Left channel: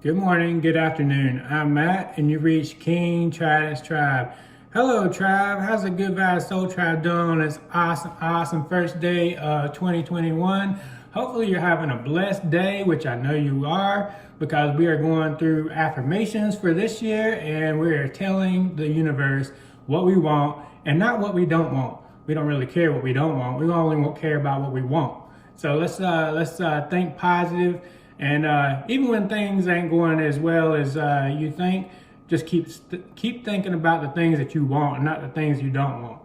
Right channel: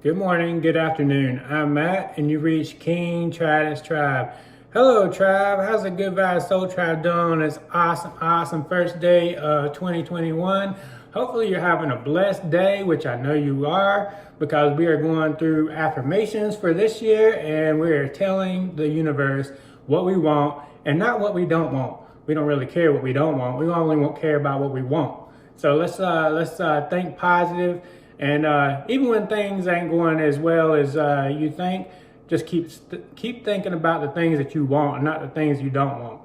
good morning, good afternoon. I'm Matt, and you reached King Tridents Tribe. Hello, Tribe. How's the Good Vibes Soul Tribe doing on this awesome first day of 2021? Hopefully, you're having a blessed day, which I know you are, because we are going through affirmations for this year, and we're telling the universe what we want and not what we don't want. We don't really care what we don't want. We only won't care about what we want. So let's think positive. And even when things ain't going as well as you think, just keep thinking about the things that you want and not the things you don't want.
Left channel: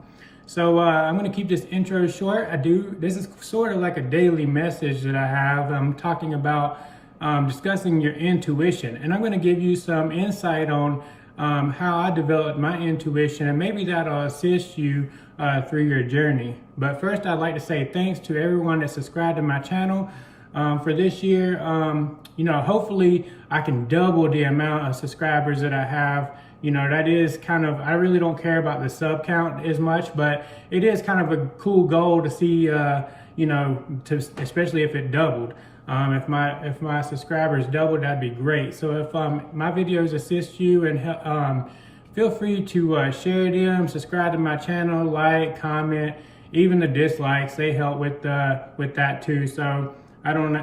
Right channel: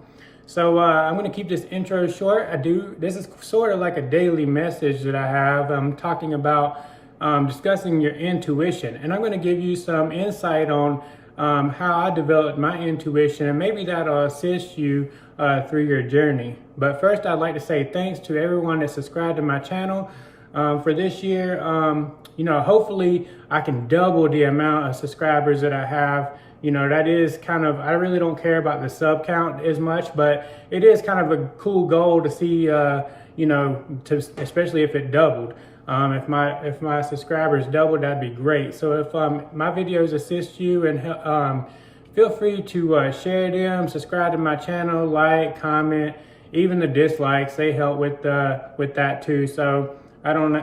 So I'm going to keep this intro short. This is sort of like a daily message that I have. I'm talking about discussing your intuition. And I'm going to give you some insight on how I developed my intuition, and maybe that'll assist you through your journey. But first, I'd like to say thanks to everyone that subscribed to my channel. For this year, hopefully I can double the amount of subscribers that I have. That is kind of, I really don't care about the sub count as much, but it is kind of a cool goal to see, especially if it doubled. If my subscribers doubled, that'd be great. So if my videos assist you, and feel free to share them, subscribe to my channel, like, comment, even the dislikes, they help with that too. So I don't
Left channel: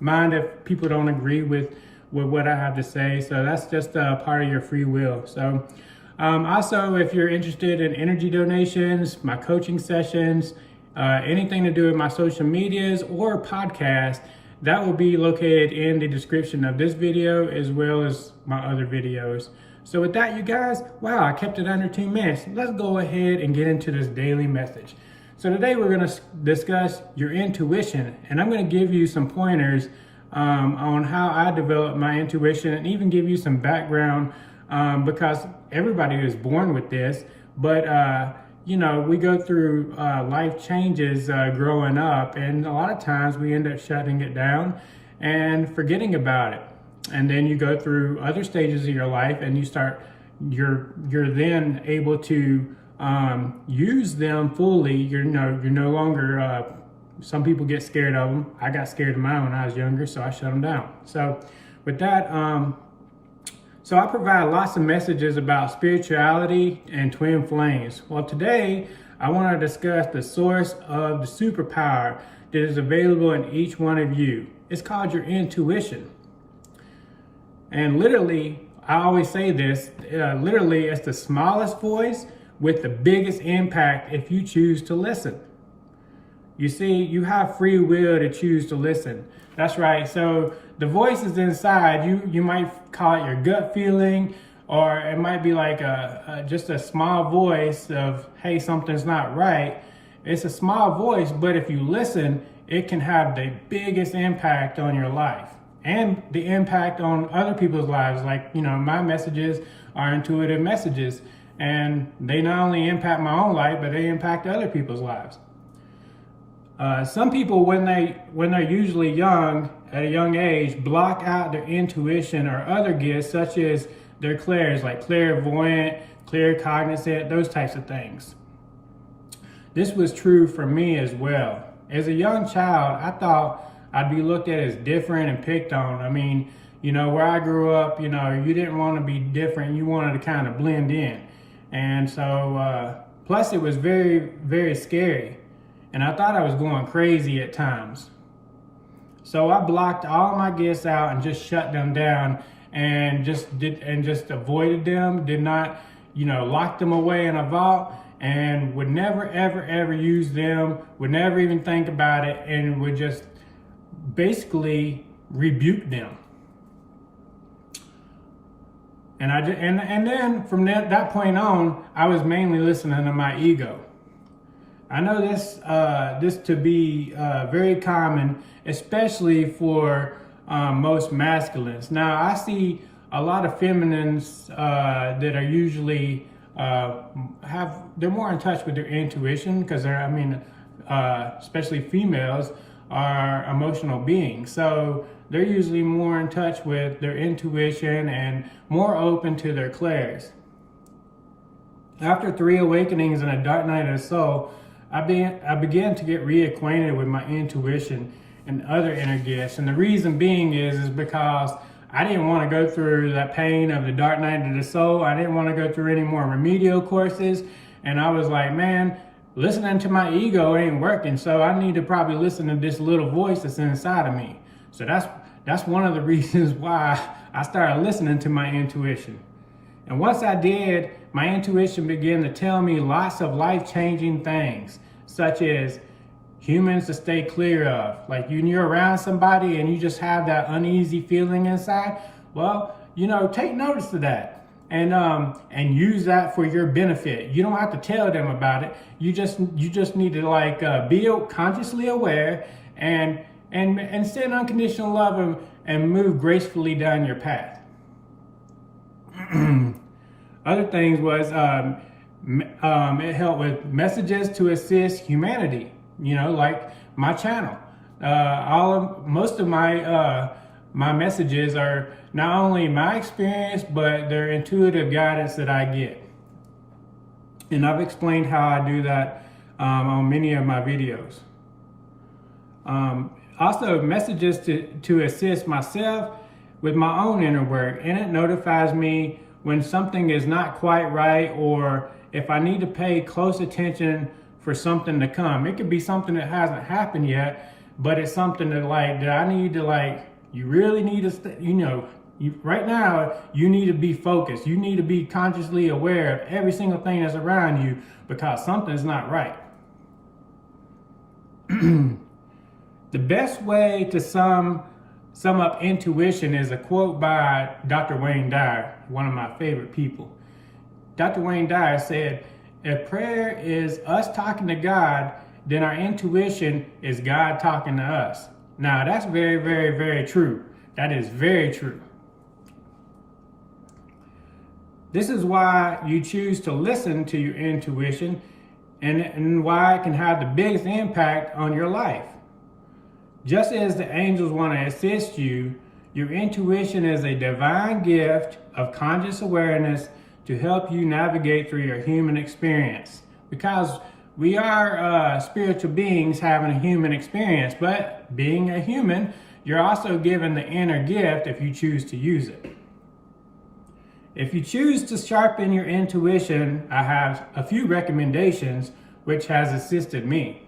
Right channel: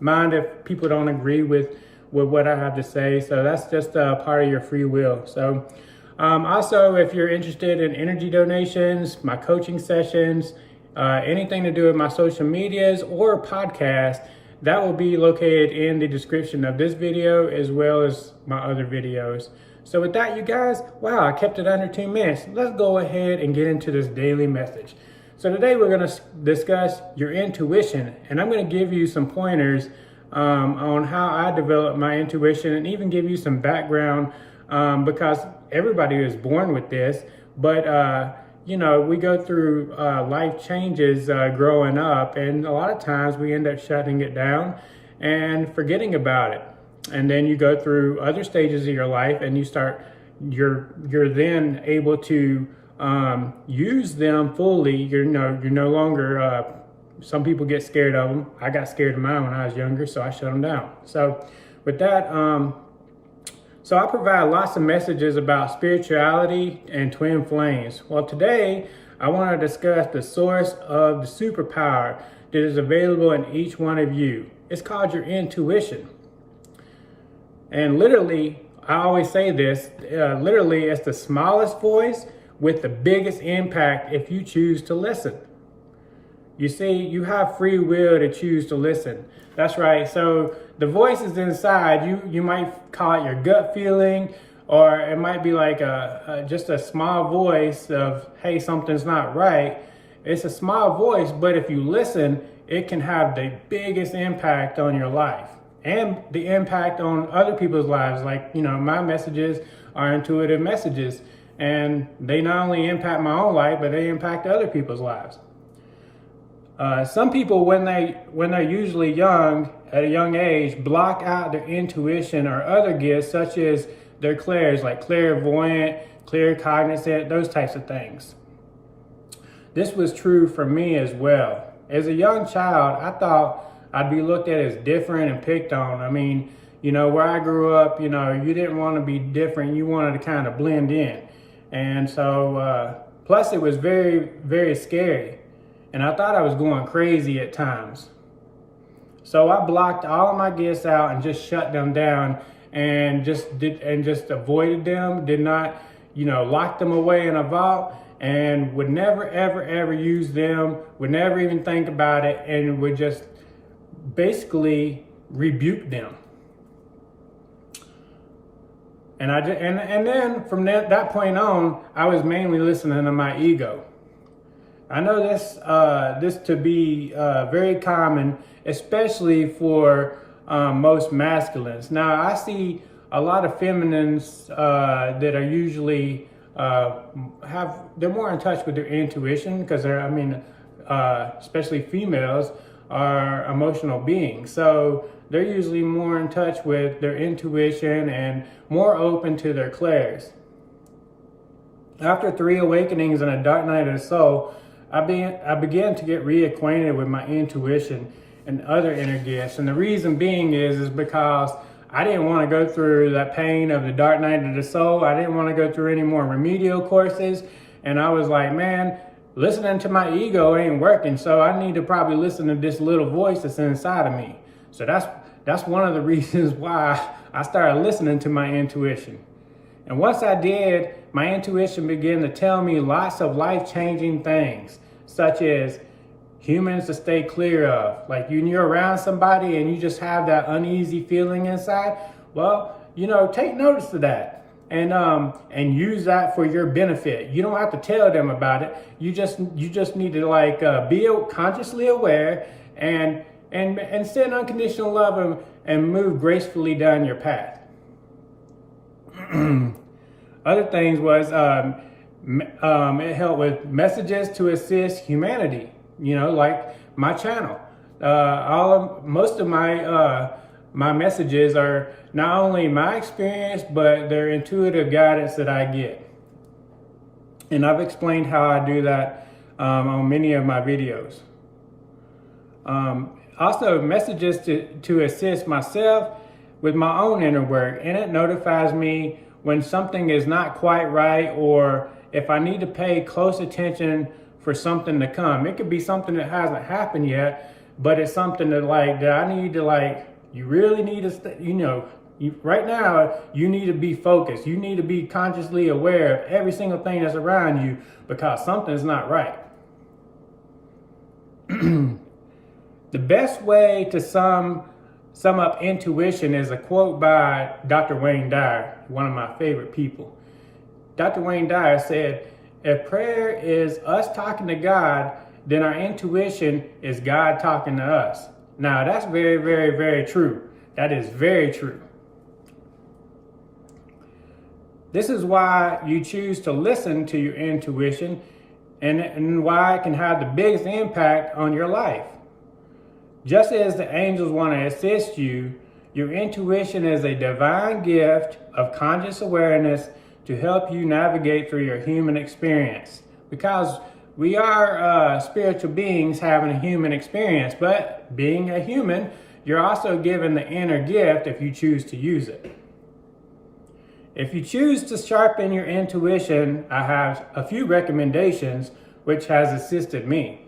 mind if people don't agree with what I have to say. So that's just part of your free will. So also, if you're interested in energy donations, my coaching sessions, anything to do with my social medias or podcast, that will be located in the description of this video as well as my other videos. So with that, you guys, wow, I kept it under 2 minutes. Let's go ahead and get into this daily message. So today we're going to discuss your intuition, and I'm going to give you some pointers on how I developed my intuition, and even give you some background because everybody is born with this, but we go through life changes growing up, and a lot of times we end up shutting it down and forgetting about it. And then you go through other stages of your life, and you're then able to use them fully. You're no longer, some people get scared of them. I got scared of mine when I was younger, so I shut them down. So with that, so I provide lots of messages about spirituality and twin flames. Well, today I want to discuss the source of the superpower that is available in each one of you. It's called your intuition. And literally, I always say this, literally it's the smallest voice with the biggest impact if you choose to listen. You see, you have free will to choose to listen. That's right. So the voice is inside. You might call it your gut feeling, or it might be like just a small voice of, hey, something's not right. It's a small voice, but if you listen, it can have the biggest impact on your life and the impact on other people's lives. Like, my messages are intuitive messages, and they not only impact my own life, but they impact other people's lives. Some people, when they're usually young, at a young age, block out their intuition or other gifts, such as their clairs, like clairvoyant, claircognizant, those types of things. This was true for me as well. As a young child, I thought I'd be looked at as different and picked on. I mean, where I grew up, you didn't want to be different. You wanted to kind of blend in. And so, plus it was very, very scary. And I thought I was going crazy at times. So I blocked all my gifts out and just shut them down, and just avoided them, did not, lock them away in a vault, and would never, ever use them, would never even think about it, and would just basically rebuke them. And then from that point on, I was mainly listening to my ego. I know this to be very common, especially for most masculines. Now, I see a lot of feminines that are usually they're more in touch with their intuition, because especially females are emotional beings. So they're usually more in touch with their intuition and more open to their clairs. After 3 awakenings and a dark night of the soul, I began to get reacquainted with my intuition, and other inner gifts. And the reason being is because I didn't want to go through that pain of the dark night of the soul. I didn't want to go through any more remedial courses. And I was like, man, listening to my ego ain't working. So I need to probably listen to this little voice that's inside of me. So that's one of the reasons why I started listening to my intuition. And once I did, my intuition began to tell me lots of life-changing things, such as humans to stay clear of. Like you're around somebody and you just have that uneasy feeling inside. Well, take notice of that and use that for your benefit. You don't have to tell them about it. You just need to be consciously aware and send unconditional love and move gracefully down your path. Other things was it helped with messages to assist humanity. Like my channel. Most of my messages are not only my experience, but they're intuitive guidance that I get. And I've explained how I do that on many of my videos. Also, messages to assist myself with my own inner work, and it notifies me when something is not quite right, or if I need to pay close attention for something to come. It could be something that hasn't happened yet, but it's something that I need to you really need to, right now, you need to be focused. You need to be consciously aware of every single thing that's around you because something's not right. The best way to sum up intuition is a quote by Dr. Wayne Dyer, one of my favorite people. Dr. Wayne Dyer said, if prayer is us talking to God, then our intuition is God talking to us. Now, that's very, very, very true. That is very true. This is why you choose to listen to your intuition and why it can have the biggest impact on your life. Just as the angels want to assist you, your intuition is a divine gift of conscious awareness to help you navigate through your human experience. Because we are spiritual beings having a human experience, but being a human, you're also given the inner gift if you choose to use it. If you choose to sharpen your intuition, I have a few recommendations which has assisted me.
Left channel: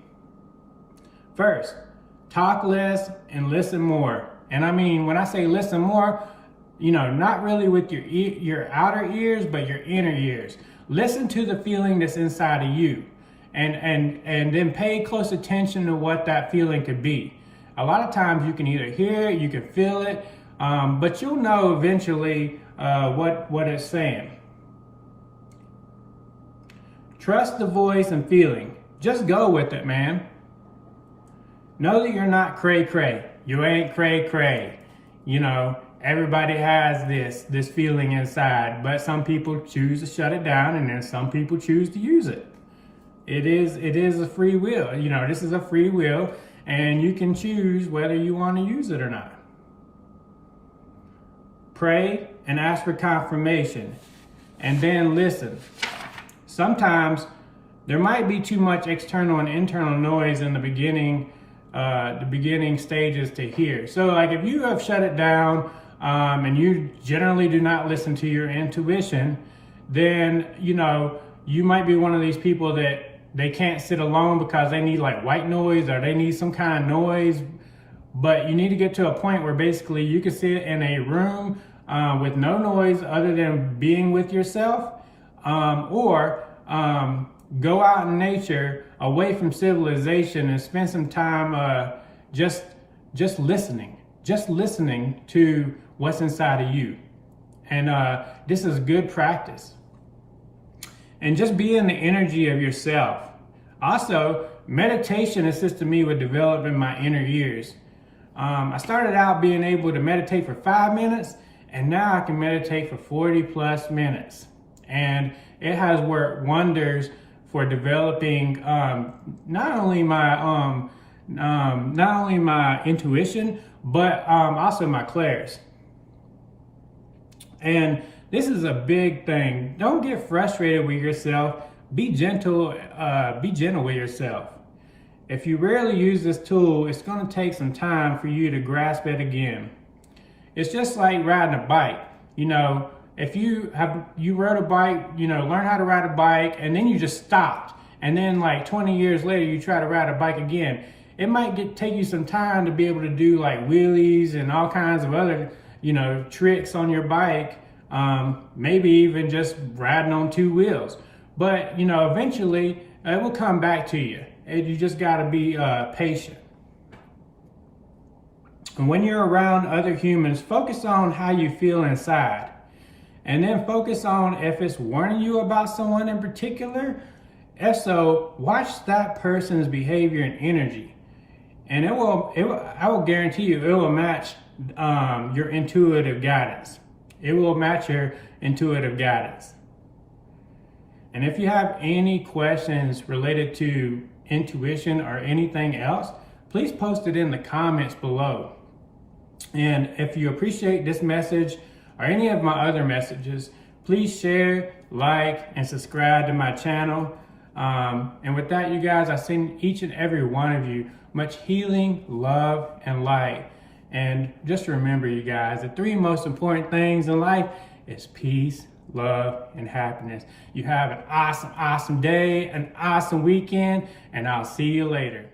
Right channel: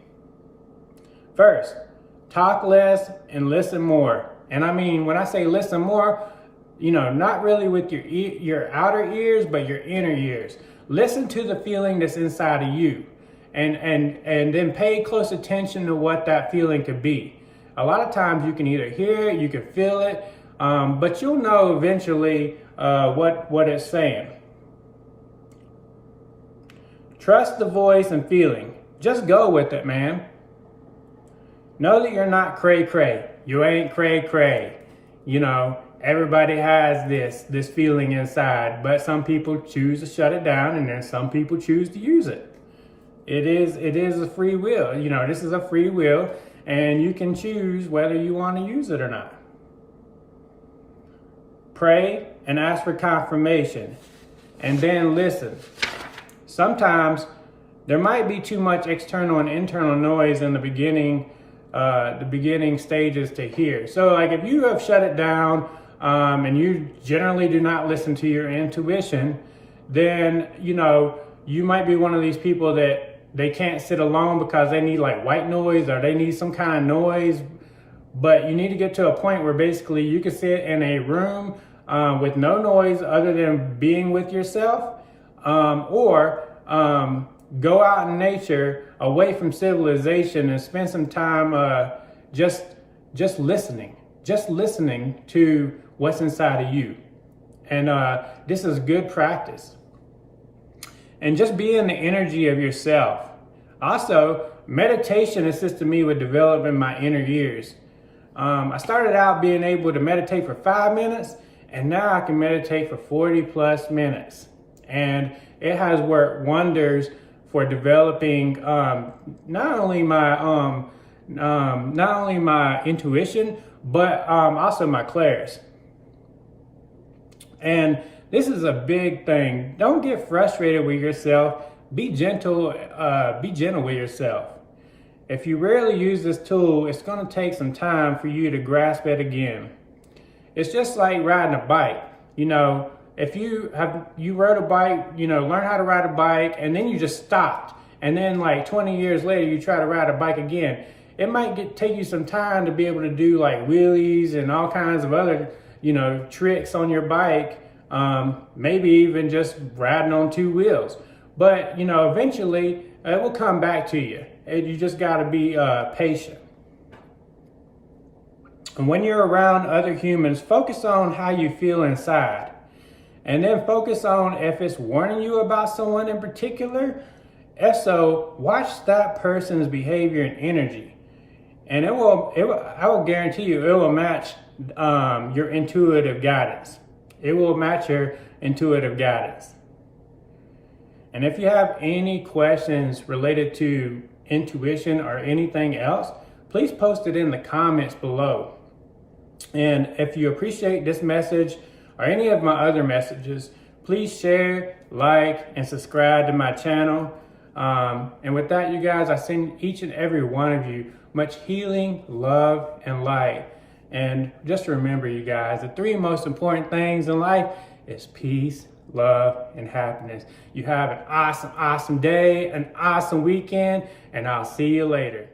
First, talk less and listen more. And I mean, when I say listen more, not really with your outer ears, but your inner ears. Listen to the feeling that's inside of you and then pay close attention to what that feeling could be. A lot of times you can either hear it, you can feel it, but you'll know eventually what it's saying. Trust the voice and feeling. Just go with it, man. Know that you're not cray-cray. You ain't cray-cray. Everybody has this feeling inside, but some people choose to shut it down and then some people choose to use it. It is a free will. This is a free will and you can choose whether you want to use it or not. Pray and ask for confirmation and then listen. Sometimes there might be too much external and internal noise in the beginning stages to hear. So if you have shut it down and you generally do not listen to your intuition, then you might be one of these people that they can't sit alone because they need white noise or they need some kind of noise. But you need to get to a point where basically you can sit in a room with no noise other than being with yourself, or go out in nature away from civilization and spend some time just listening to what's inside of you. And this is good practice. And just be in the energy of yourself. Also, meditation assisted me with developing my inner ears. I started out being able to meditate for 5 minutes, and now I can meditate for 40 plus minutes. And it has worked wonders for developing not only my intuition, but also my clairs. And this is a big thing. Don't get frustrated with yourself. Be gentle with yourself. if you rarely use this tool, it's going to take some time for you to grasp it again. It's just like riding a bike. You know, if you rode a bike, you know, learn how to ride a bike, and then you just stopped, and then like 20 years later you try to ride a bike again, it might take you some time to be able to do like wheelies and all kinds of other, you know, tricks on your bike. Maybe even just riding on two wheels. But, you know, eventually it will come back to you. You just got to be patient. And when you're around other humans, focus on how you feel inside. And then focus on if it's warning you about someone in particular. If so, watch that person's behavior and energy. And I will guarantee you, it will match your intuitive guidance. It will match your intuitive guidance. And if you have any questions related to intuition or anything else, please post it in the comments below. And if you appreciate this message or any of my other messages, please share, like, and subscribe to my channel. And with that, you guys, I send each and every one of you much healing, love, and light. And just remember, you guys, the three most important things in life is peace, love, and happiness. You have an awesome, awesome day, an awesome weekend, and I'll see you later.